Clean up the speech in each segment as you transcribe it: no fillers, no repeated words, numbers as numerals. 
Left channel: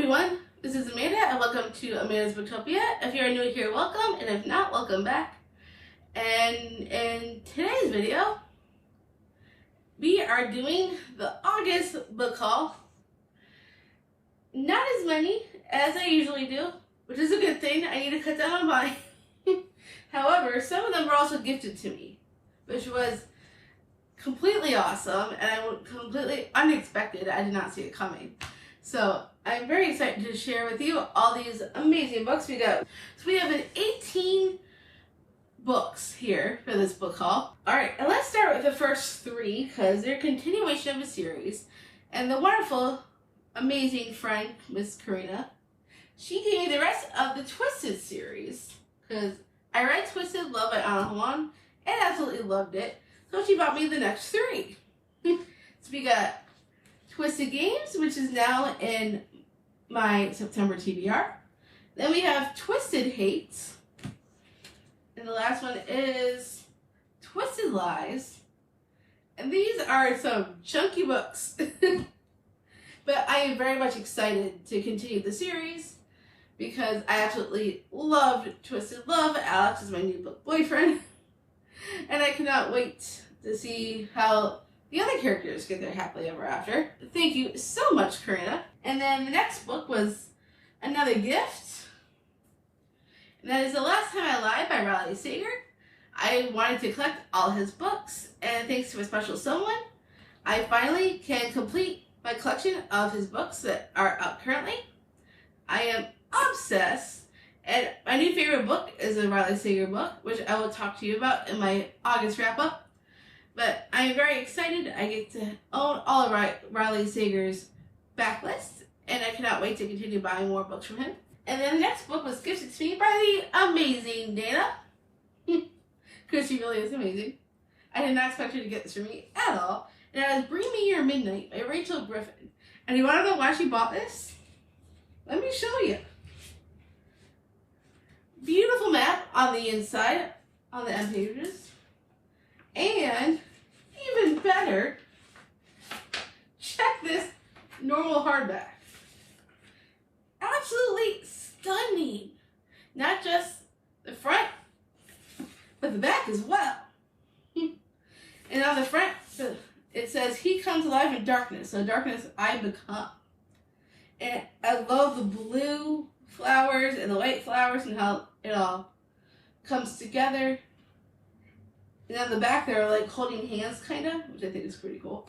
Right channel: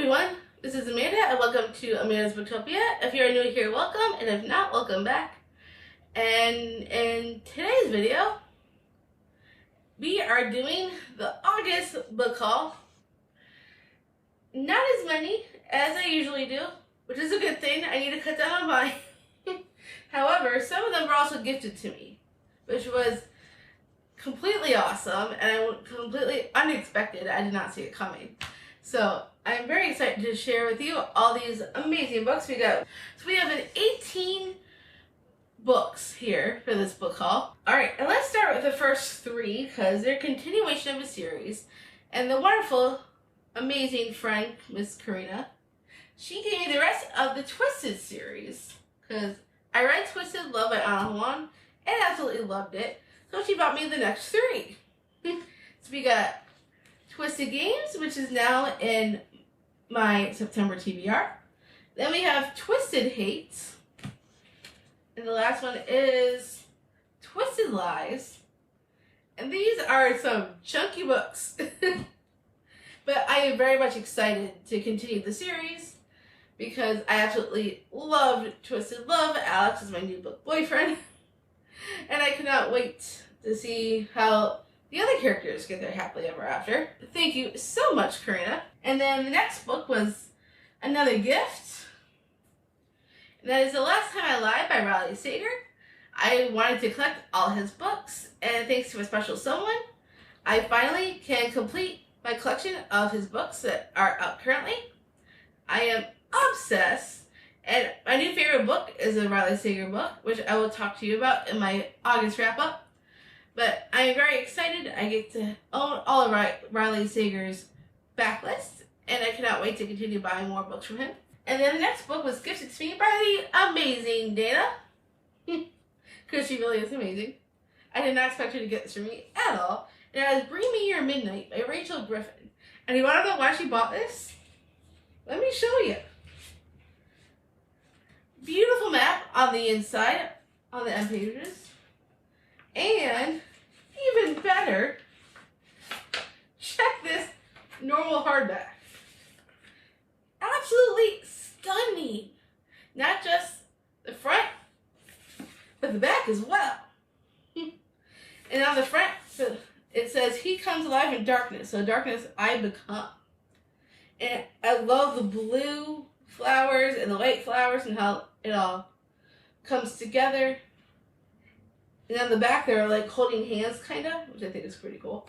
everyone, this is Amanda and welcome to Amanda's Booktopia. If you're new here, welcome, and if not, welcome back. And in today's video, we are doing the August book haul. Not as many as I usually do, which is a good thing. I need to cut down on mine. However, some of them were also gifted to me, which was completely awesome and completely unexpected. I did not see it coming. So I'm very excited to share with you all these amazing books we got. So we have 18 books here for this book haul. Alright, and let's start with the first three because they're a continuation of a series. And the wonderful, amazing friend, Miss Karina, she gave me the rest of the Twisted series because I read Twisted Love by Anna Huan and absolutely loved it. So she bought me the next three. So we got Twisted Games, which is now in my September TBR. Then we have Twisted Hate. And the last one is Twisted Lies. And these are some chunky books. But I am very much excited to continue the series because I absolutely loved Twisted Love. Alex is my new book boyfriend. And I cannot wait to see how the other characters get their happily ever after. Thank you so much, Karina. And then the next book was another gift. And that is The Last Time I Lied by Riley Sager. I wanted to collect all his books, and thanks to a special someone, I finally can complete my collection of his books that are out currently. I am obsessed, and my new favorite book is a Riley Sager book, which I will talk to you about in my August wrap-up. But I am very excited. I get to own all of Riley Sager's backlist, and I cannot wait to continue buying more books from him. And then the next book was gifted to me by the amazing Dana, because she really is amazing. I did not expect her to get this for me at all. And it was Bring Me Your Midnight by Rachel Griffin. And you want to know why she bought this? Let me show you. Beautiful map on the inside, on the end pages. And even better, check this normal hardback. Absolutely stunning. Not just the front, but the back as well. And on the front, it says, "He comes alive in darkness, so darkness I become." And I love the blue flowers and the white flowers and how it all comes together. And on the back, they're like holding hands, kind of, which I think is pretty cool.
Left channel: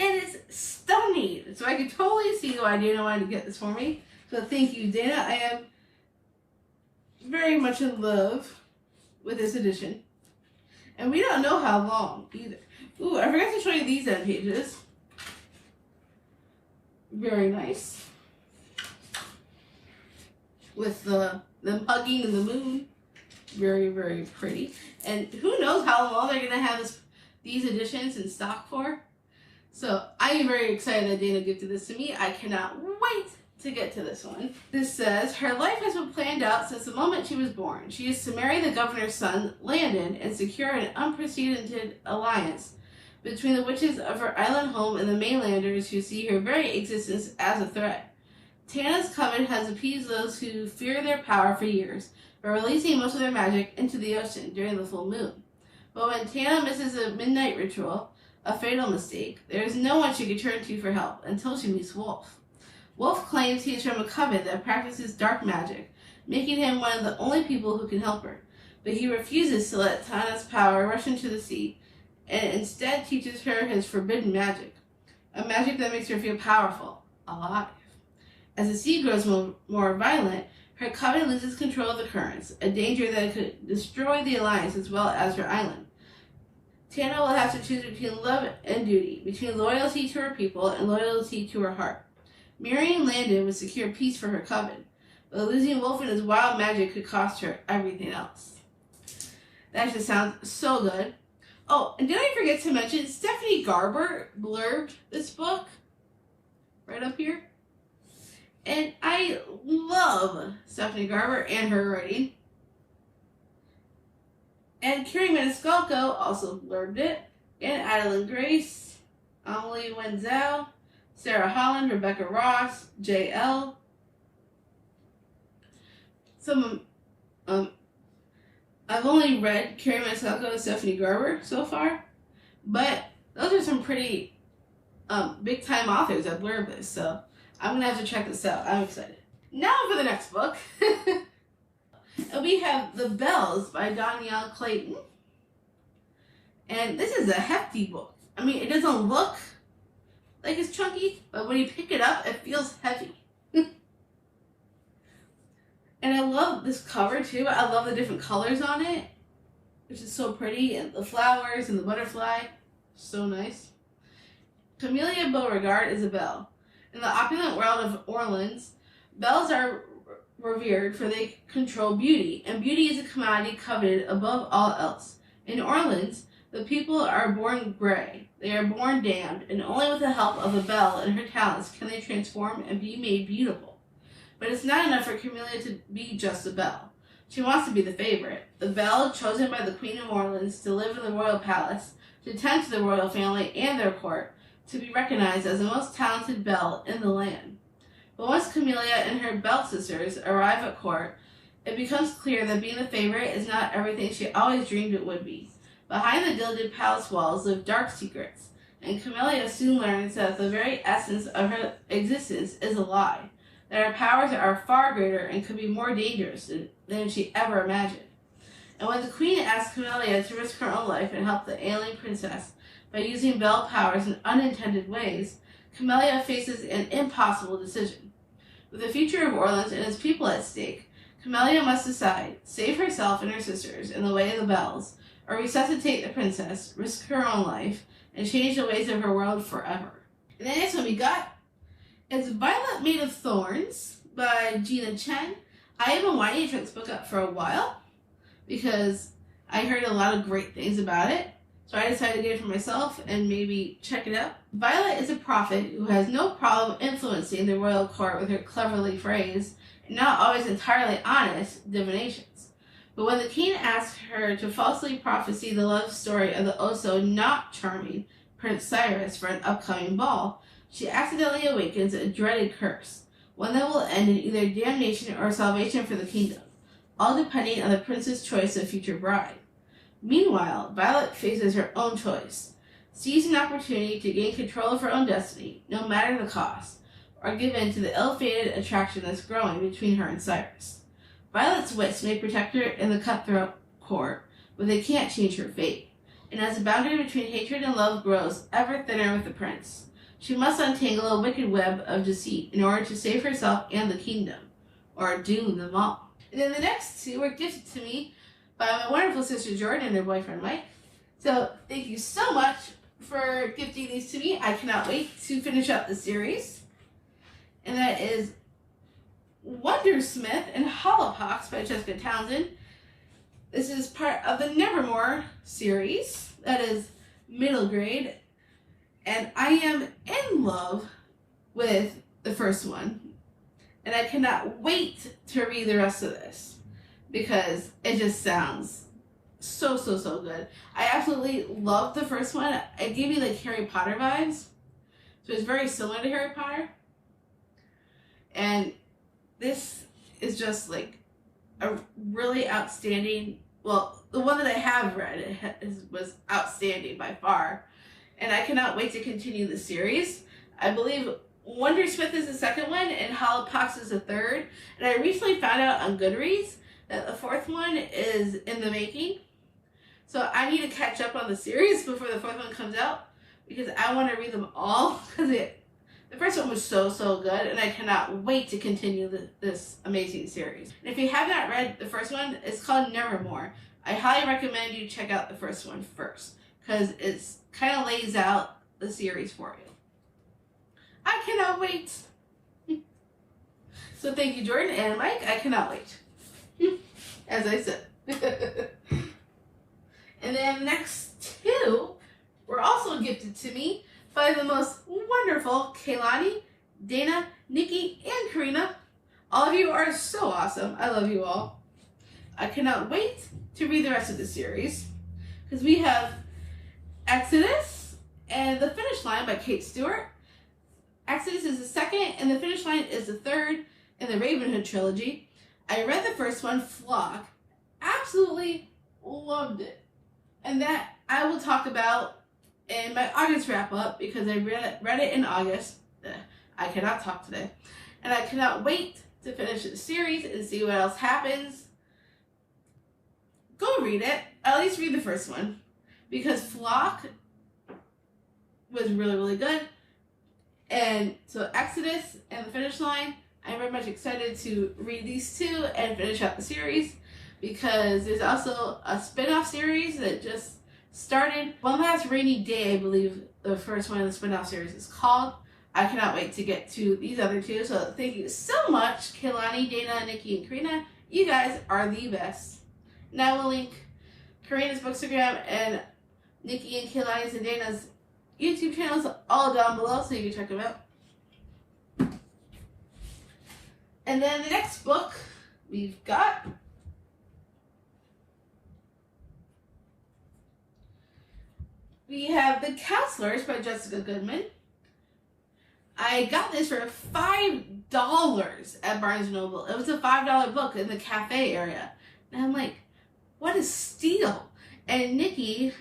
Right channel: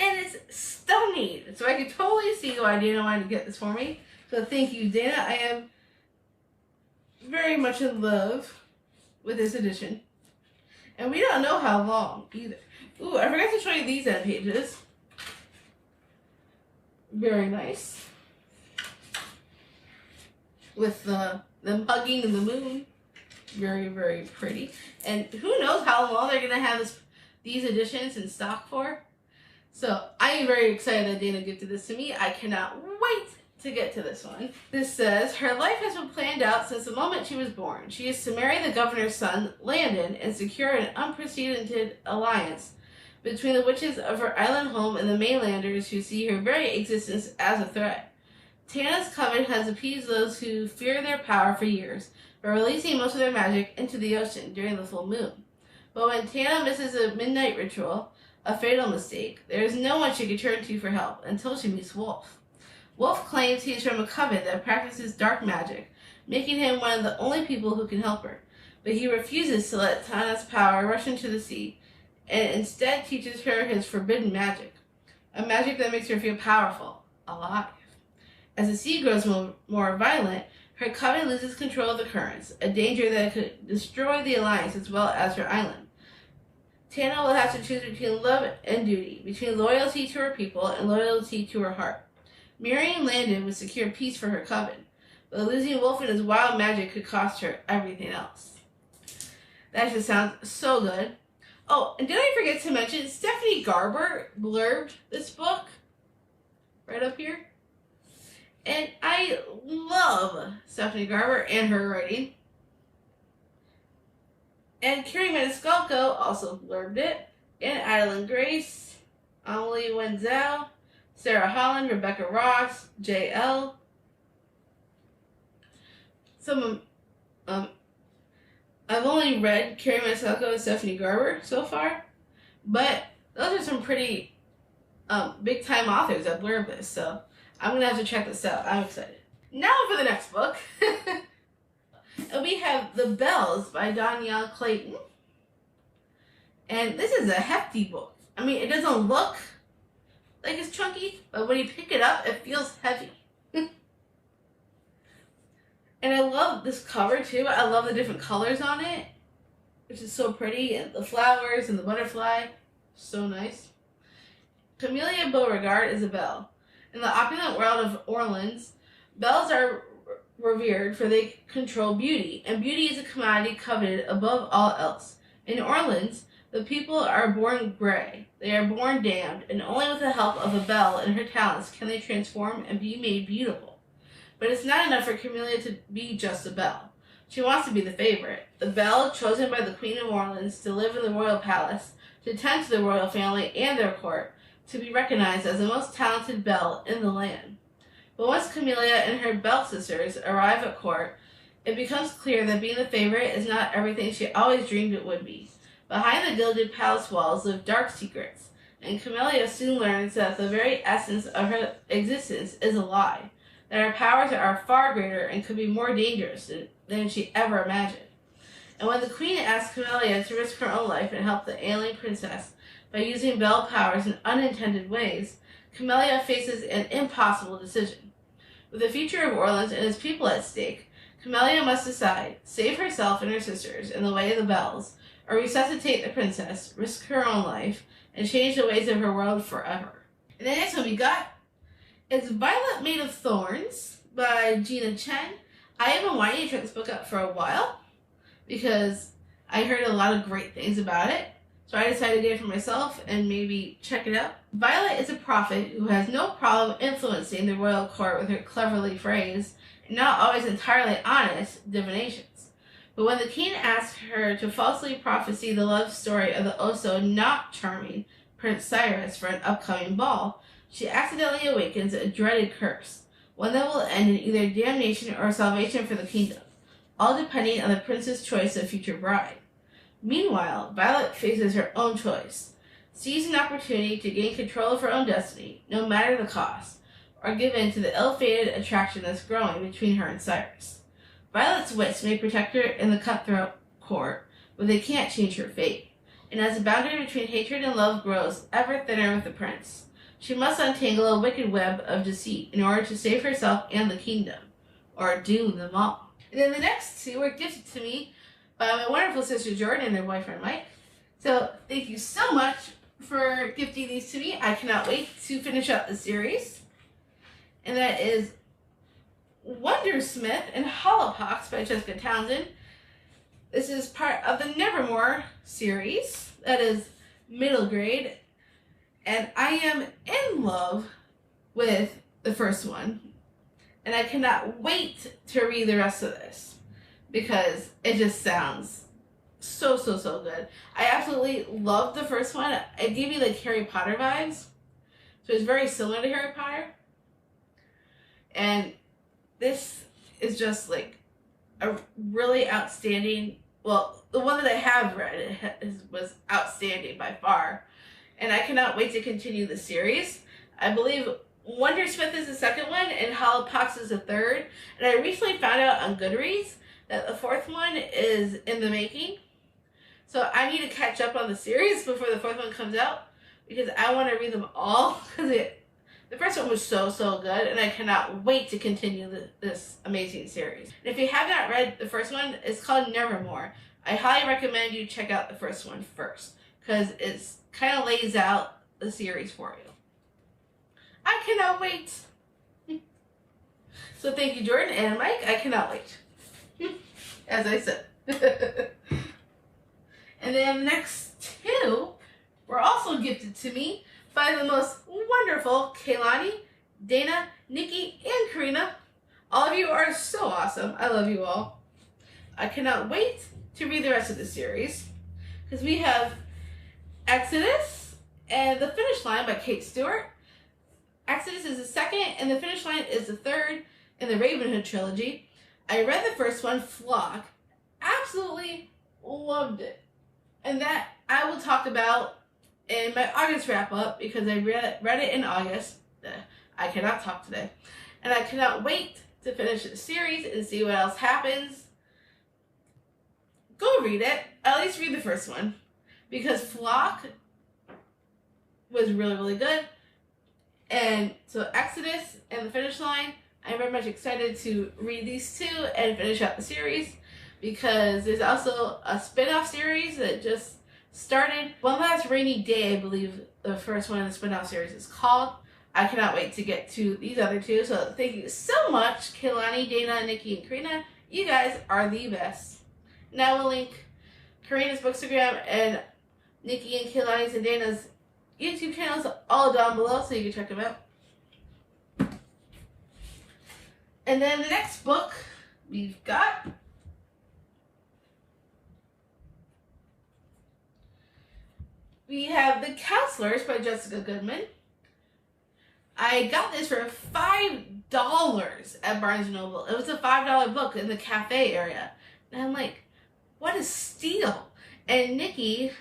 And it's stunning. So I can totally see why Dana wanted to get this for me. So thank you, Dana. I am very much in love with this edition. And we don't know how long either. Ooh, I forgot to show you these end pages. Very nice. With them hugging in the moon. Very, very pretty. And who knows how long they're going to have these editions in stock for. So I am very excited that Dana gifted this to me. I cannot wait to get to this one. This says, her life has been planned out since the moment she was born. She is to marry the governor's son, Landon, and secure an unprecedented alliance between the witches of her island home and the mainlanders who see her very existence as a threat. Tana's coven has appeased those who fear their power for years, by releasing most of their magic into the ocean during the full moon. But when Tana misses a midnight ritual, a fatal mistake, there is no one she can turn to for help until she meets Wolf. Wolf claims he is from a coven that practices dark magic, making him one of the only people who can help her. But he refuses to let Tana's power rush into the sea, and instead teaches her his forbidden magic, a magic that makes her feel powerful, alive. As the sea grows more violent, her coven loses control of the currents, a danger that could destroy the alliance as well as her island. Tana will have to choose between love and duty, between loyalty to her people and loyalty to her heart. Marrying Landon would secure peace for her coven, but losing Wolf and his wild magic could cost her everything else. That just sounds so good. Oh, and did I forget to mention, Stephanie Garber blurbed this book right up here. And I love Stephanie Garber and her writing. And Carrie Maniscalco also blurbed it. And Adeline Grace, Amelie Wenzel, Sarah Holland, Rebecca Ross, J.L., some I've only read Carrie Masalco and Stephanie Garber so far, but those are some pretty big time authors that blurb this, so I'm gonna have to check this out. I'm excited. Now for the next book. We have The Bells by Danielle Clayton. And this is a hefty book. I mean, it doesn't look like it's chunky, but when you pick it up, it feels heavy. And I love this cover too. I love the different colors on it, which is so pretty. And the flowers and the butterfly, so nice. Camellia Beauregard is a belle. In the opulent world of Orleans, belles are revered for they control beauty, and beauty is a commodity coveted above all else. In Orleans, the people are born gray, they are born damned, and only with the help of a belle and her talents can they transform and be made beautiful. But it's not enough for Camellia to be just a belle. She wants to be the favorite, the belle chosen by the Queen of Orleans to live in the royal palace, to tend to the royal family and their court, to be recognized as the most talented belle in the land. But once Camellia and her belle sisters arrive at court, it becomes clear that being the favorite is not everything she always dreamed it would be. Behind the gilded palace walls live dark secrets, and Camellia soon learns that the very essence of her existence is a lie, that her powers are far greater and could be more dangerous than she ever imagined. And when the queen asks Camellia to risk her own life and help the ailing princess by using belle powers in unintended ways, Camellia faces an impossible decision. With the future of Orleans and its people at stake, Camellia must decide, save herself and her sisters in the way of the bells, or resuscitate the princess, risk her own life, and change the ways of her world forever. And the next one we got is Violet Made of Thorns by Gina Chen. I have been wanting to try this book out for a while because I heard a lot of great things about it. So I decided to get it for myself and maybe check it out. Violet is a prophet who has no problem influencing the royal court with her cleverly phrased and not always entirely honest divinations. But when the king asks her to falsely prophesy the love story of the also not charming Prince Cyrus for an upcoming ball, she accidentally awakens a dreaded curse, one that will end in either damnation or salvation for the kingdom, all depending on the prince's choice of future bride. Meanwhile, Violet faces her own choice, sees an opportunity to gain control of her own destiny, no matter the cost, or give in to the ill-fated attraction that's growing between her and Cyrus. Violet's wits may protect her in the cutthroat court, but they can't change her fate. And as the boundary between hatred and love grows ever thinner with the prince, she must untangle a wicked web of deceit in order to save herself and the kingdom, or doom them all. And then the next two were gifted to me by my wonderful sister Jordan and her boyfriend Mike. So thank you so much for gifting these to me. I cannot wait to finish up the series. And that is Wondersmith and Hollowpox by Jessica Townsend. This is part of the Nevermore series. That is middle grade. And I am in love with the first one. And I cannot wait to read the rest of this because it just sounds so good. I absolutely loved the first one. It gave me like Harry Potter vibes. So it's very similar to Harry Potter. And this is just like a really outstanding, well, the one that I have read was outstanding by far. And I cannot wait to continue the series. I believe Wondersmith is the second one and Hollowpox is the third. And I recently found out on Goodreads that the fourth one is in the making. So I need to catch up on the series before the fourth one comes out because I want to read them all because the first one was so good and I cannot wait to continue this amazing series. And if you have not read the first one, it's called Nevermore. I highly recommend you check out the first one first because it's kind of lays out the series for you. I cannot wait. So thank you, Jordan and Mike. I cannot wait. As I said. And then the next two were also gifted to me by the most wonderful Kaylani, Dana, Nikki, and Karina. All of you are so awesome. I love you all. I cannot wait to read the rest of the series because we have Exodus and The Finish Line by Kate Stewart. Exodus is the second and The Finish Line is the third in the Ravenhood trilogy. I read the first one, Flock, absolutely loved it. And that I will talk about in my August wrap up because I read it in August. I cannot talk today. And I cannot wait to finish the series and see what else happens. Go read it. At least read the first one. Because Flock was really, really good. And so Exodus and The Finish Line, I'm very much excited to read these two and finish out the series. Because there's also a spin-off series that just started. One Last Rainy Day, I believe the first one in the spin-off series is called. I cannot wait to get to these other two. So thank you so much, Kaylani, Dana, Nikki, and Karina. You guys are the best. And I will link Karina's bookstagram and Nikki and Kaylani's and Dana's YouTube channels all down below so you can check them out. And then the next book we've got we have The Counselors by Jessica Goodman. I got this for $5 at Barnes & Noble. It was a $5 book in the cafe area. And I'm like, what a steal. And Nikki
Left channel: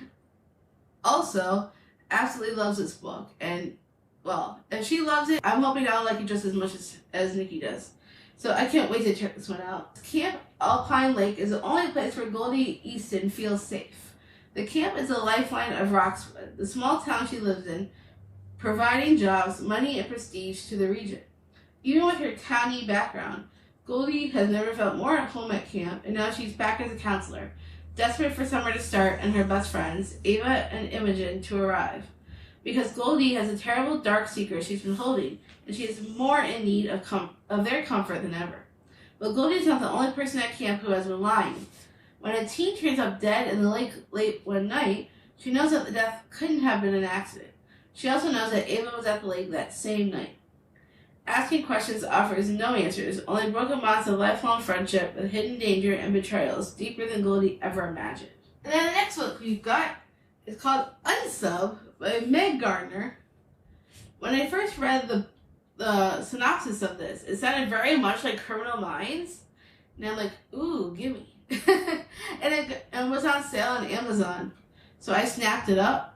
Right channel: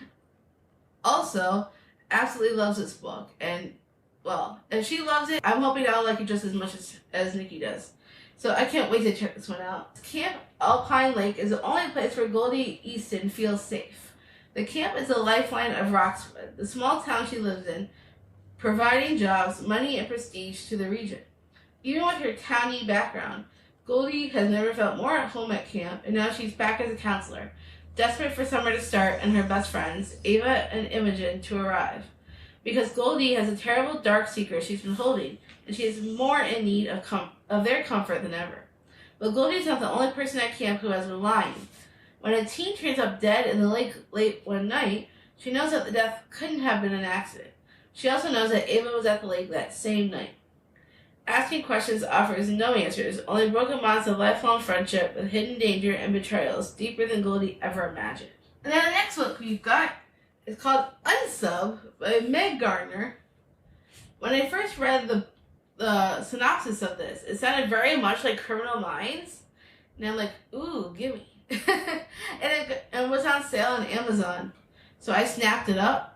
also absolutely loves this book. And, well, if she loves it, I'm hoping I'll like it just as much as Nikki does. So I can't wait to check this one out. Camp Alpine Lake is the only place where Goldie Easton feels safe. The camp is the lifeline of Roxwood, the small town she lives in, providing jobs, money, and prestige to the region. Even with her towny background, Goldie has never felt more at home at camp, and now she's back as a counselor, desperate for summer to start and her best friends, Ava and Imogen, to arrive. Because Goldie has a terrible dark secret she's been holding, and she is more in need of their comfort than ever. But Goldie's not the only person at camp who has been lying. When a teen turns up dead in the lake late one night, she knows that the death couldn't have been an accident. She also knows that Ava was at the lake that same night. Asking questions offers no answers, only broken bonds of lifelong friendship with hidden danger and betrayals deeper than Goldie ever imagined. And then the next book we've got is called Unsub by Meg Gardner. When I first read the synopsis of this, it sounded very much like Criminal Minds. And I'm like, ooh, gimme. and it was on sale on Amazon. So I snapped it up.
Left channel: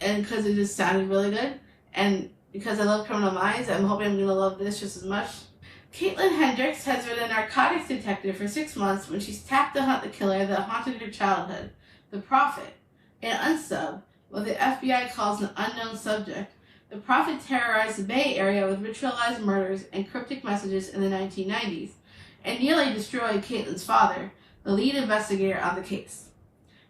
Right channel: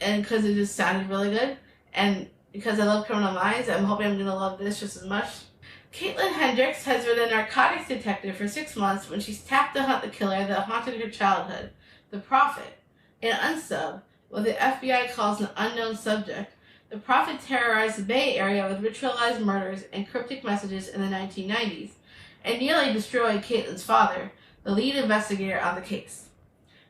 And because it just sounded really good. And because I love Criminal Minds, I'm hoping I'm going to love this just as much. Caitlin Hendricks has been a narcotics detective for 6 months when she's tapped to hunt the killer that haunted her childhood, the Prophet. In Unsub, what the FBI calls an unknown subject, the Prophet terrorized the Bay Area with ritualized murders and cryptic messages in the 1990s, and nearly destroyed Caitlin's father, the lead investigator on the case.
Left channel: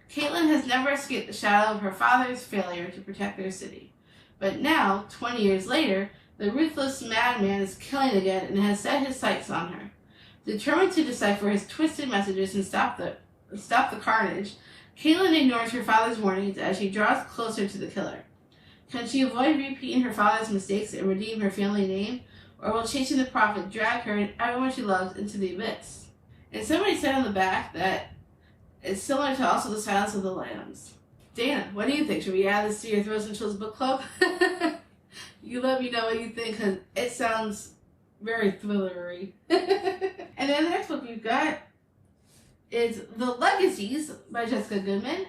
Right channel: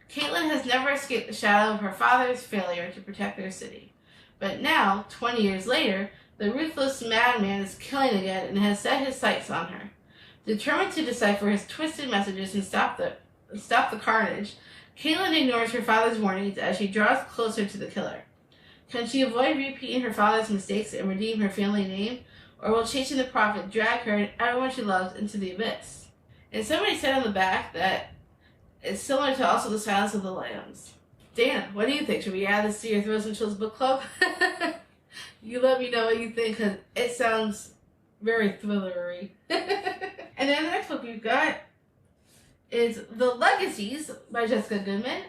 Caitlin has never escaped the shadow of her father's failure to protect their city. But now, 20 years later, the ruthless madman is killing again and has set his sights on her. Determined to decipher his twisted messages and stop the carnage, Caitlin ignores her father's warnings as she draws closer to the killer. Can she avoid repeating her father's mistakes and redeem her family name, or will chasing the Prophet drag her and everyone she loves into the abyss? And somebody said on the back that it's similar to also The Silence of the Lambs. Dana, what do you think? Should we add this to your Throws and Chills book club? You let me know what you think, because it sounds very thrillery. And then the next book you've got is The Legacies by Jessica Goodman.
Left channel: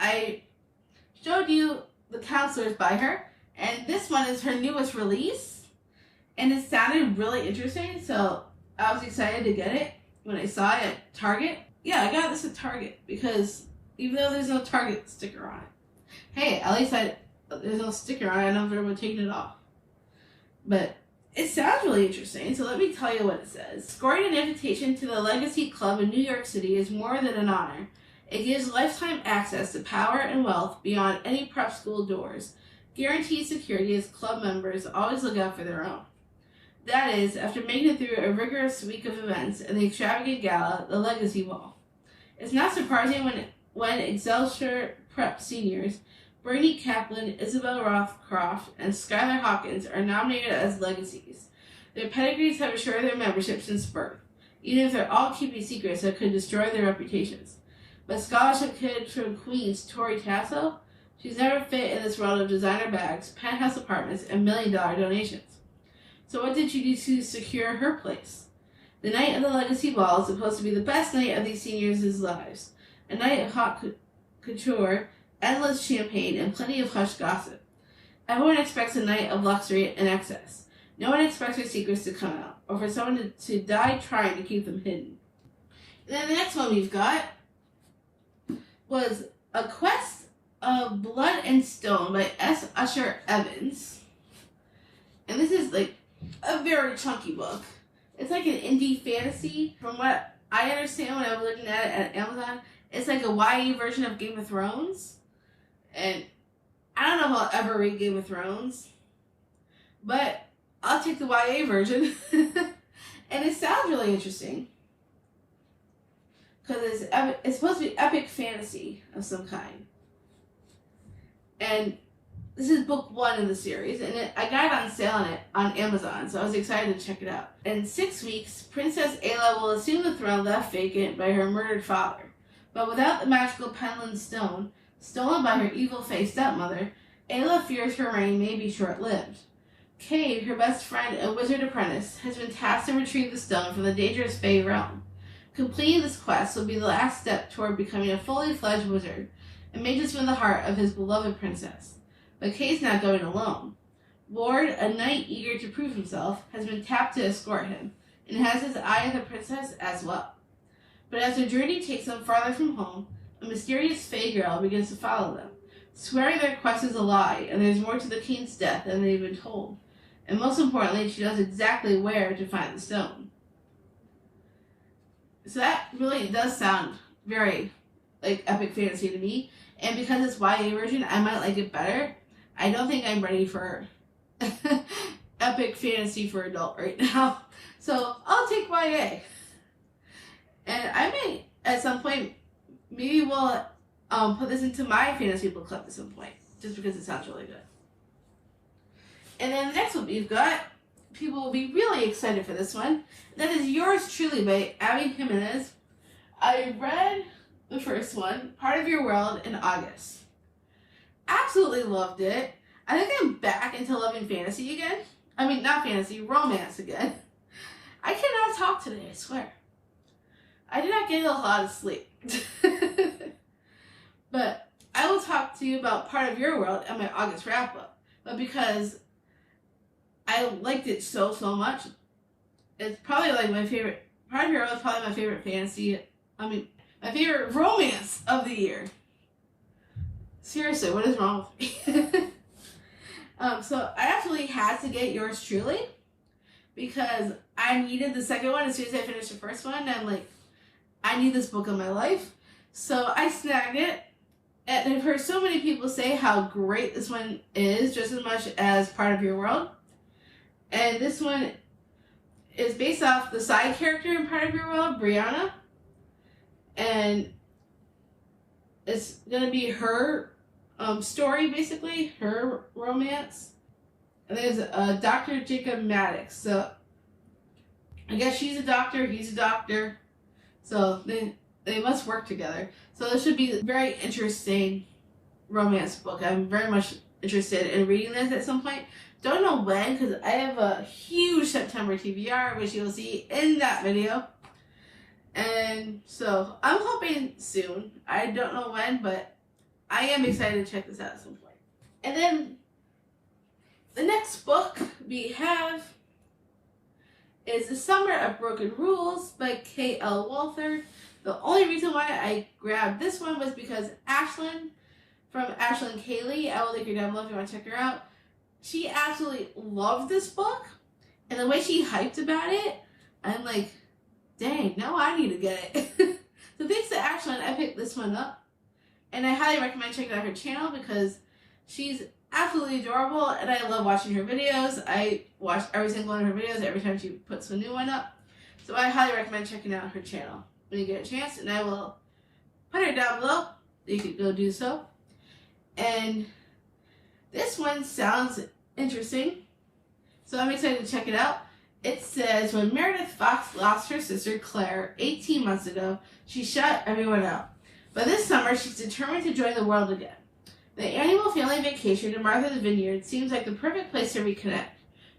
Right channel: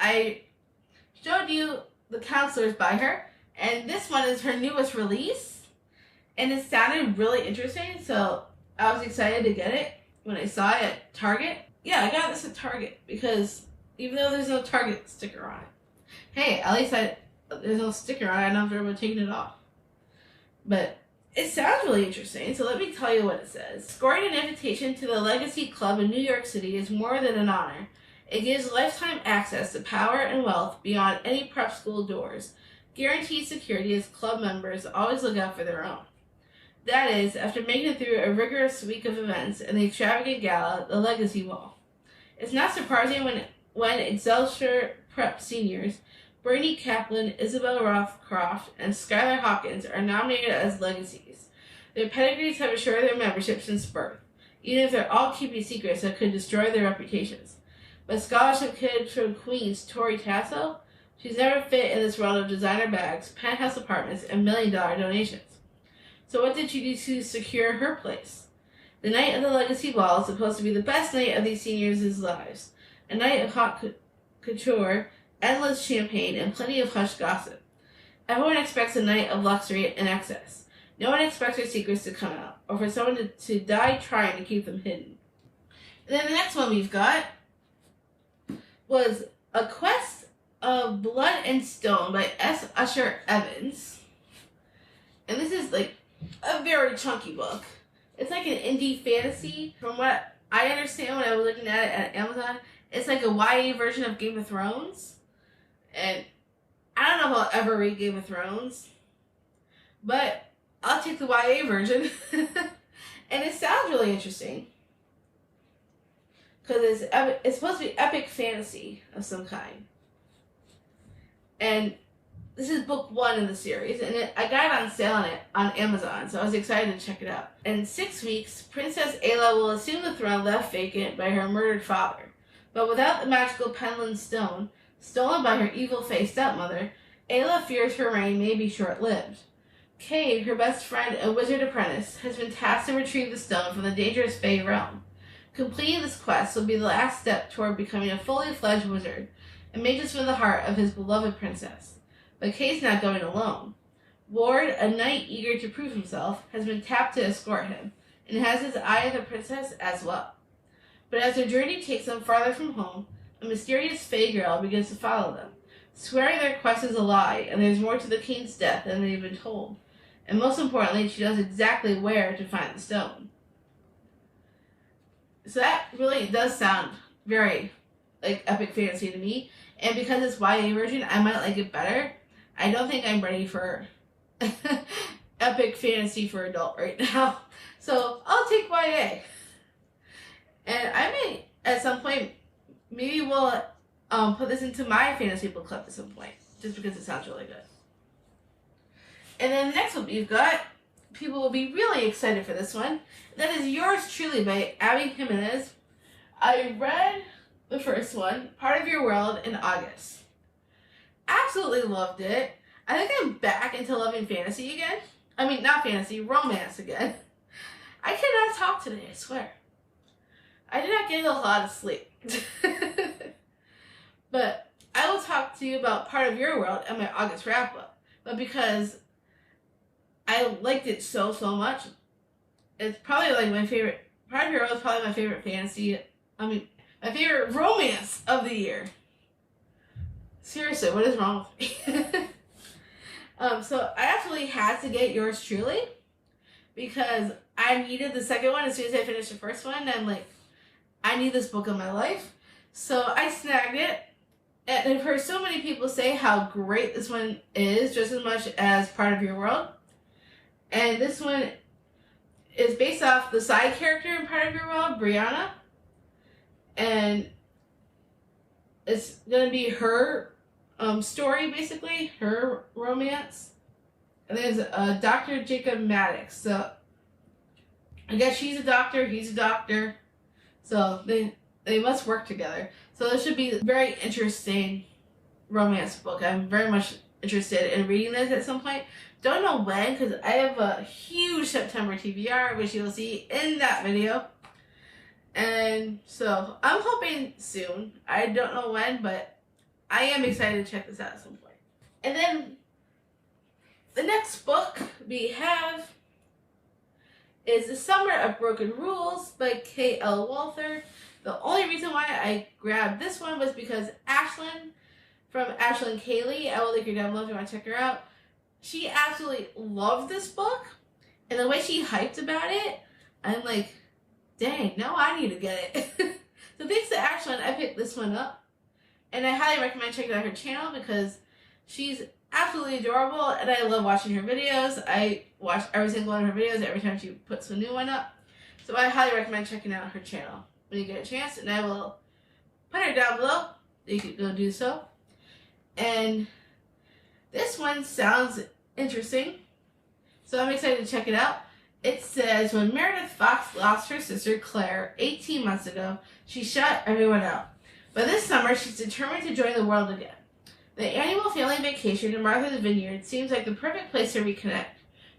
I showed you The Counselors by her, and this one is her newest release. And it sounded really interesting, so I was excited to get it when I saw it at Target. Yeah, I got this at Target because even though there's no Target sticker on it, hey, at least there's no sticker on it. I know if everyone taking it off. But it sounds really interesting, so let me tell you what it says. Scoring an invitation to the Legacy Club in New York City is more than an honor. It gives lifetime access to power and wealth beyond any prep school doors. Guaranteed security as club members always look out for their own. That is, after making it through a rigorous week of events and the extravagant gala, the Legacy Ball. It's not surprising when Excelsior Prep seniors Bernie Kaplan, Isabel Rothcroft, and Skylar Hawkins are nominated as legacies. Their pedigrees have assured their membership since birth, even if they're all keeping secrets that could destroy their reputations. But scholarship kid from Queens, Tori Tasso, she's never fit in this world of designer bags, penthouse apartments, and $1 million donations. So what did she do to secure her place? The night of the Legacy Ball is supposed to be the best night of these seniors' lives. A night of hot couture, endless champagne, and plenty of hush gossip. Everyone expects a night of luxury and excess. No one expects their secrets to come out, or for someone to die trying to keep them hidden. And then the next one we've got was A Quest of Blood and Stone by S. Usher Evans. And this is like a very chunky book. It's like an indie fantasy. From what I understand when I was looking at it at Amazon, it's like a YA version of Game of Thrones. And I don't know if I'll ever read Game of Thrones, but I'll take the YA version. And it sounds really interesting. Because it's supposed to be epic fantasy of some kind. And this is book 1 in the series, and I got it on sale on Amazon, so I was excited to check it out. In 6 weeks, Princess Ayla will assume the throne left vacant by her murdered father. But without the magical Penland Stone, stolen by her evil-faced stepmother, Ayla fears her reign may be short-lived. Cave, her best friend and wizard apprentice, has been tasked to retrieve the stone from the dangerous Fey realm. Completing this quest will be the last step toward becoming a fully fledged wizard, and may just win the heart of his beloved princess. But Kay's not going alone. Ward, a knight eager to prove himself, has been tapped to escort him, and has his eye on the princess as well. But as their journey takes them farther from home, a mysterious Fey girl begins to follow them, swearing their quest is a lie, and there's more to the king's death than they've been told. And most importantly, she knows exactly where to find the stone. So that really does sound very like epic fantasy to me, and because it's YA version, I might like it better. I don't think I'm ready for epic fantasy for adult right now. So I'll take YA. And I may, at some point, maybe we'll put this into my fantasy book club at some point, just because it sounds really good. And then the next one we've got, people will be really excited for this one. That is Yours Truly by Abby Jimenez. I read the first one, Part of Your World, in August. Absolutely loved it. I think I'm back into loving fantasy again. I mean, not fantasy, romance again. I cannot talk today, I swear. I did not get a lot of sleep. But I will talk to you about Part of Your World at my August wrap-up. But because I liked it so much, it's probably like my favorite. Part of Your World is probably my favorite fantasy. My favorite romance of the year. Seriously, what is wrong with me? So I actually had to get Yours Truly because I needed the second one as soon as I finished the first one. I'm like, I need this book in my life. So I snagged it. And I've heard so many people say how great this one is, just as much as Part of Your World. And this one is based off the side character in Part of Your World, Brianna. And it's going to be her story, basically, her romance. And there's Dr. Jacob Maddox. So I guess she's a doctor, he's a doctor. So they must work together. So this should be a very interesting romance book. I'm very much interested in reading this at some point. Don't know when, because I have a huge September TBR, which you'll see in that video. And so I'm hoping soon. I don't know when, but I am excited to check this out at some point. And then the next book we have is The Summer of Broken Rules by K.L. Walther. The only reason why I grabbed this one was because Ashlyn from Ashlyn Kaylee, I will link her down below if you want to check her out. She absolutely loved this book, and the way she hyped about it, I'm like, dang, now I need to get it. So thanks to Ashlyn, I picked this one up, and I highly recommend checking out her channel because she's absolutely adorable, and I love watching her videos. I watch every single one of her videos every time she puts a new one up, so I highly recommend checking out her channel when you get a chance, and I will put her down below. You could go do so. And this one sounds interesting, so I'm excited to check it out. It says, when Meredith Fox lost her sister Claire 18 months ago, she shut everyone out. But this summer, she's determined to join the world again. The annual family vacation to Martha's Vineyard seems like the perfect place to reconnect.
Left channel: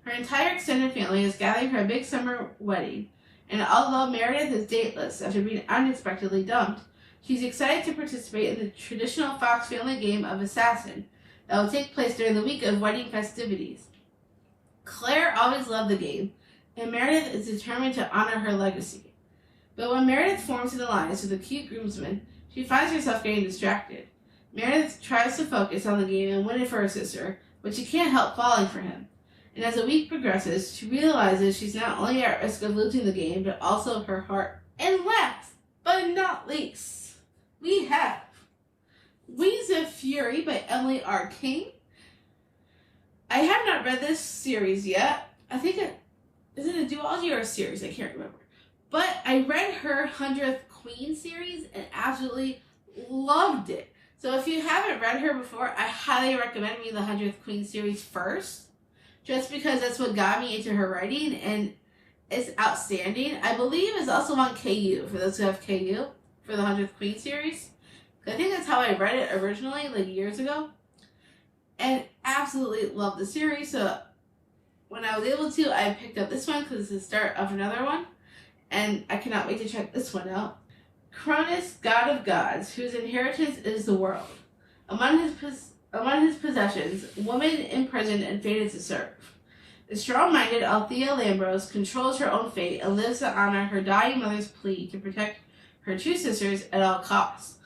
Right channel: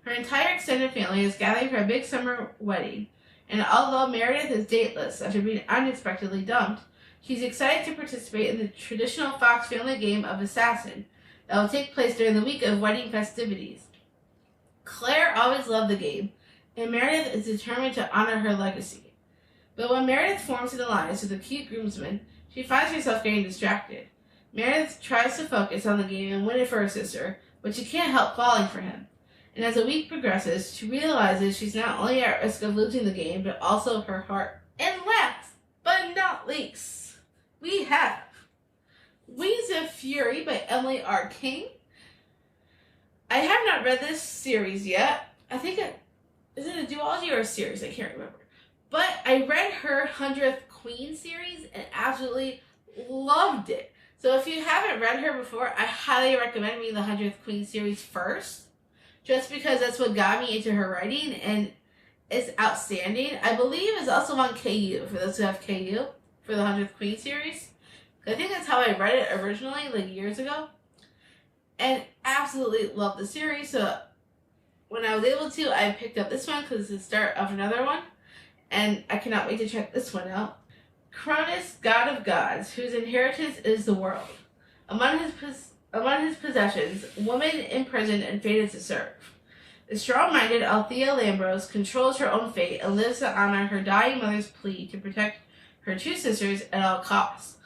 Her entire extended family is gathering for a big summer wedding, And although Meredith is dateless after being unexpectedly dumped, she's excited to participate in the traditional Fox family game of Assassin that will take place during the week of wedding festivities. Claire always loved the game, and Meredith is determined to honor her legacy. But when Meredith forms an alliance with a cute groomsman, she finds herself getting distracted. Meredith tries to focus on the game and win it for her sister, but she can't help falling for him. And as the week progresses, she realizes she's not only at risk of losing the game, but also her heart. And last, but not least, we have Wings of Fury by Emily R. King. I have not read this series yet. I think is it a duology or a series? I can't remember. But I read her 100th Queen series and absolutely loved it. So if you haven't read her before, I highly recommend reading the 100th Queen series first, just because that's what got me into her writing, and it's outstanding. I believe it's also on KU, for those who have KU, for the 100th Queen series. I think that's how I read it originally, like years ago. And absolutely love the series. So when I was able to, I picked up this one because it's the start of another one. And I cannot wait to check this one out. Cronus, god of gods, whose inheritance is the world. Among his possessions, woman imprisoned and fated to serve. The strong-minded Althea Lambros controls her own fate and lives to honor her dying mother's plea to protect her two sisters at all costs.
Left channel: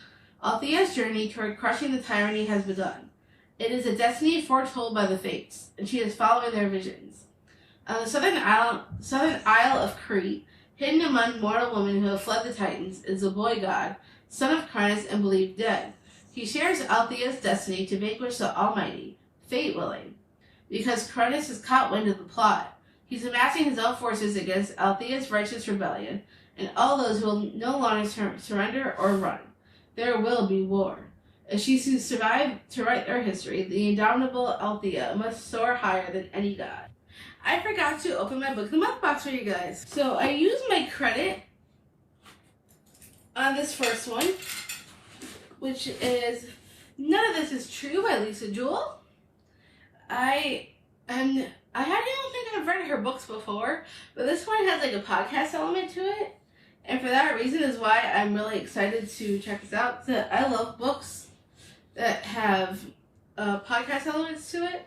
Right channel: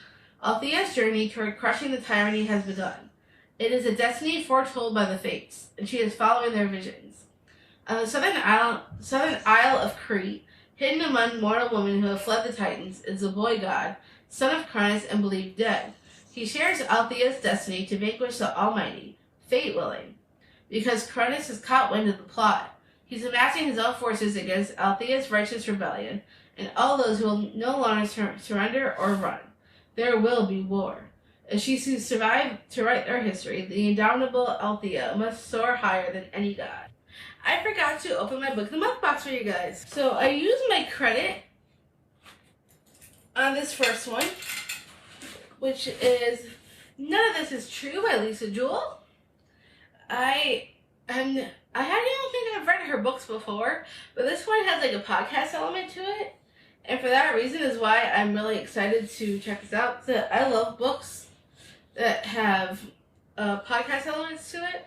Althea's journey toward crushing the tyranny has begun. It is a destiny foretold by the fates, and she is following their visions. On the southern isle of Crete, hidden among mortal women who have fled the Titans, is the boy god, son of Cronus and believed dead. He shares Althea's destiny to vanquish the Almighty, fate willing. Because Cronus has caught wind of the plot, he's amassing his own forces against Althea's righteous rebellion and all those who will no longer surrender or run. There will be war. If she to survive to write their history, the indomitable Althea must soar higher than any god. I forgot to open my Book of the Month box for you guys. So I used my credit on this first one, which is None of This Is True by Lisa Jewell. I don't think I've read her books before, but this one has like a podcast element to it. And for that reason is why I'm really excited to check this out. So I love books that have podcast elements to it.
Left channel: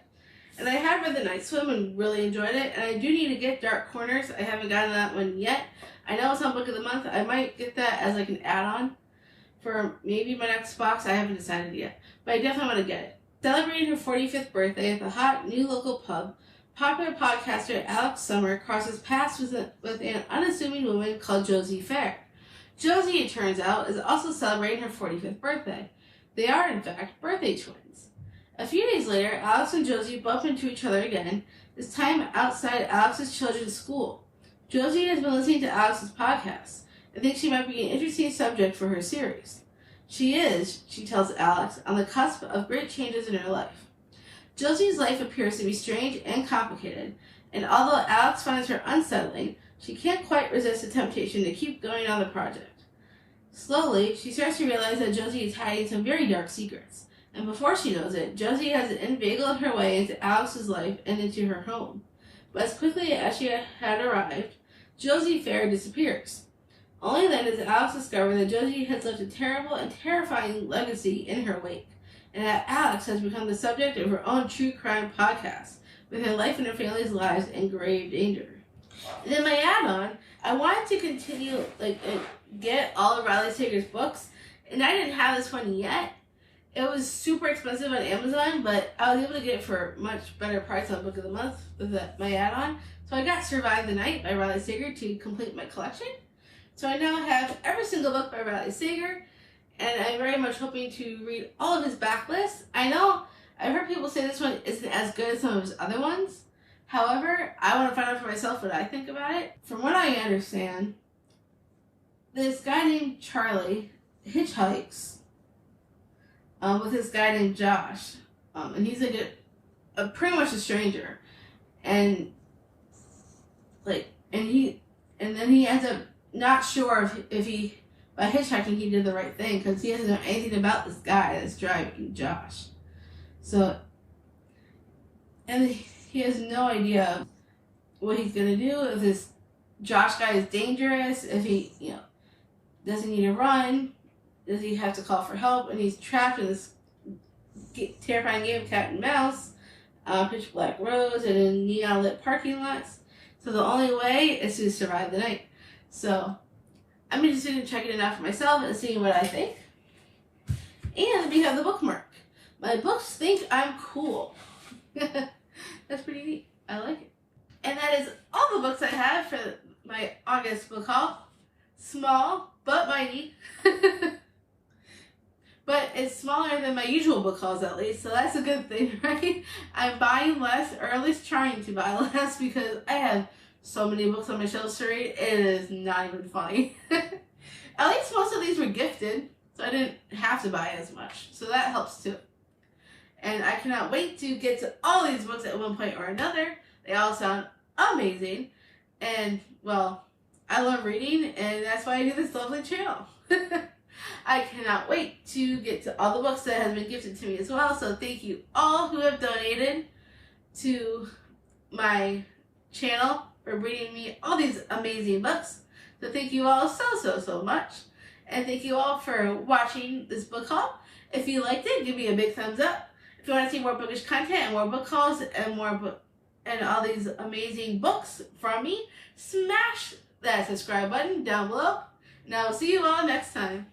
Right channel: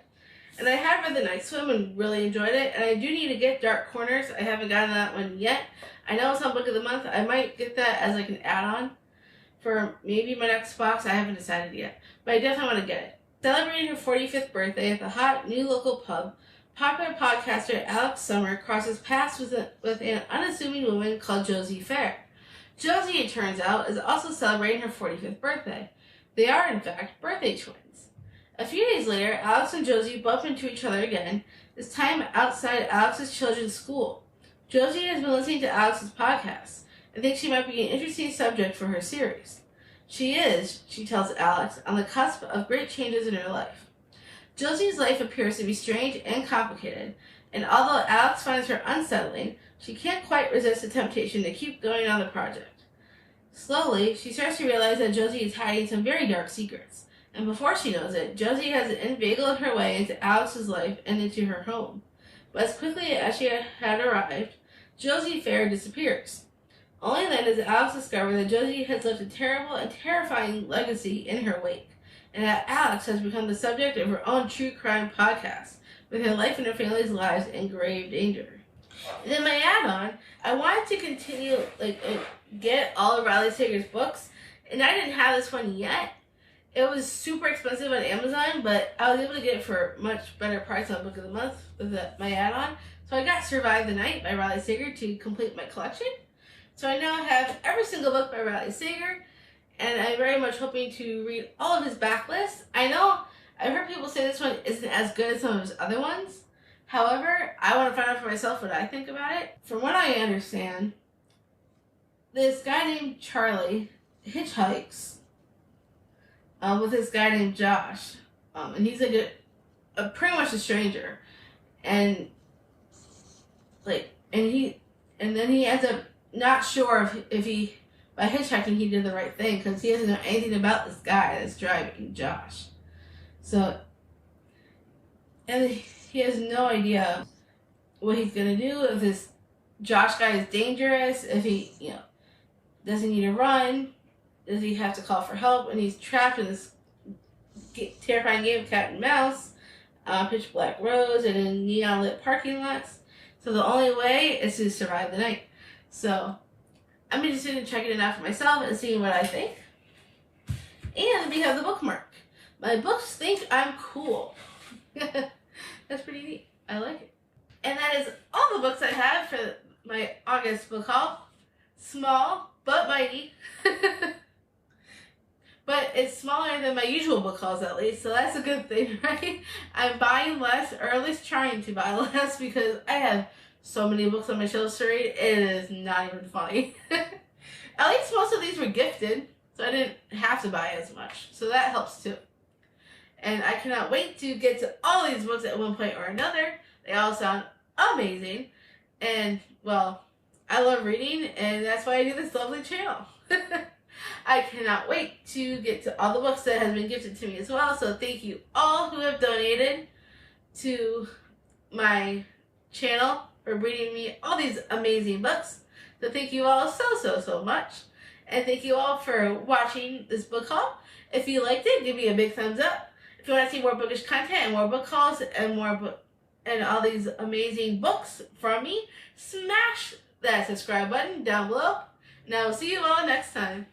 And I have read The Night Swim and really enjoyed it. And I do need to get Dark Corners. I haven't gotten that one yet. I know it's on Book of the Month. I might get that as like an add-on for maybe my next box. I haven't decided yet. But I definitely want to get it. Celebrating her 45th birthday at the hot new local pub, popular podcaster Alex Summer crosses paths with an unassuming woman called Josie Fair. Josie, it turns out, is also celebrating her 45th birthday. They are, in fact, birthday twins. A few days later, Alex and Josie bump into each other again, this time outside Alex's children's school. Josie has been listening to Alex's podcast and thinks she might be an interesting subject for her series. She is, she tells Alex, on the cusp of great changes in her life. Josie's life appears to be strange and complicated, and although Alex finds her unsettling, she can't quite resist the temptation to keep going on the project. Slowly, she starts to realize that Josie is hiding some very dark secrets, and before she knows it, Josie has inveigled her way into Alex's life and into her home. But as quickly as she had arrived, Josie Fair disappears. Only then does Alex discover that Josie has left a terrible and terrifying legacy in her wake, and that Alex has become the subject of her own true crime podcast, with her life and her family's lives in grave danger. And then my add-on, I wanted to continue, get all of Riley Sager's books, and I didn't have this one yet. It was super expensive on Amazon, but I was able to get it for a much better price on Book of the Month with my add-on. So I got Survive the Night by Riley Sager to complete my collection. So I now have every single book by Riley Sager, and I'm very much hoping to read all of his backlists. I know I've heard people say this one isn't as good as some of his other ones. However, I want to find out for myself what I think about it. From what I understand, this guy named Charlie hitchhikes with this guy named Josh, and he's like a pretty much a stranger, and then he ends up not sure if he, by hitchhiking, he did the right thing, because he doesn't know anything about this guy that's driving, Josh. So, and he has no idea what he's going to do if this Josh guy is dangerous, if he, does he need to run, does he have to call for help, and he's trapped in this terrifying game of cat and mouse, pitch black roads, and in neon lit parking lots. So the only way is to survive the night. So I'm interested in checking it out for myself and seeing what I think. And we have the bookmark. My books think I'm cool. That's pretty neat. I like it. And that is all the books I have for my August book haul. Small, but mighty. But it's smaller than my usual book hauls, at least, so that's a good thing, right? I'm buying less, or at least trying to buy less, because I have so many books on my shelves to read, it is not even funny. At least most of these were gifted, so I didn't have to buy as much, so that helps too. And I cannot wait to get to all these books at one point or another. They all sound amazing, and, well, I love reading, and that's why I do this lovely channel. I cannot wait to get to all the books that have been gifted to me as well. So thank you all who have donated to my channel for bringing me all these amazing books. So thank you all so much. And thank you all for watching this book haul. If you liked it, give me a big thumbs up. If you want to see more bookish content and more book hauls and and all these amazing books from me, smash that subscribe button down below. And I will see you all next time.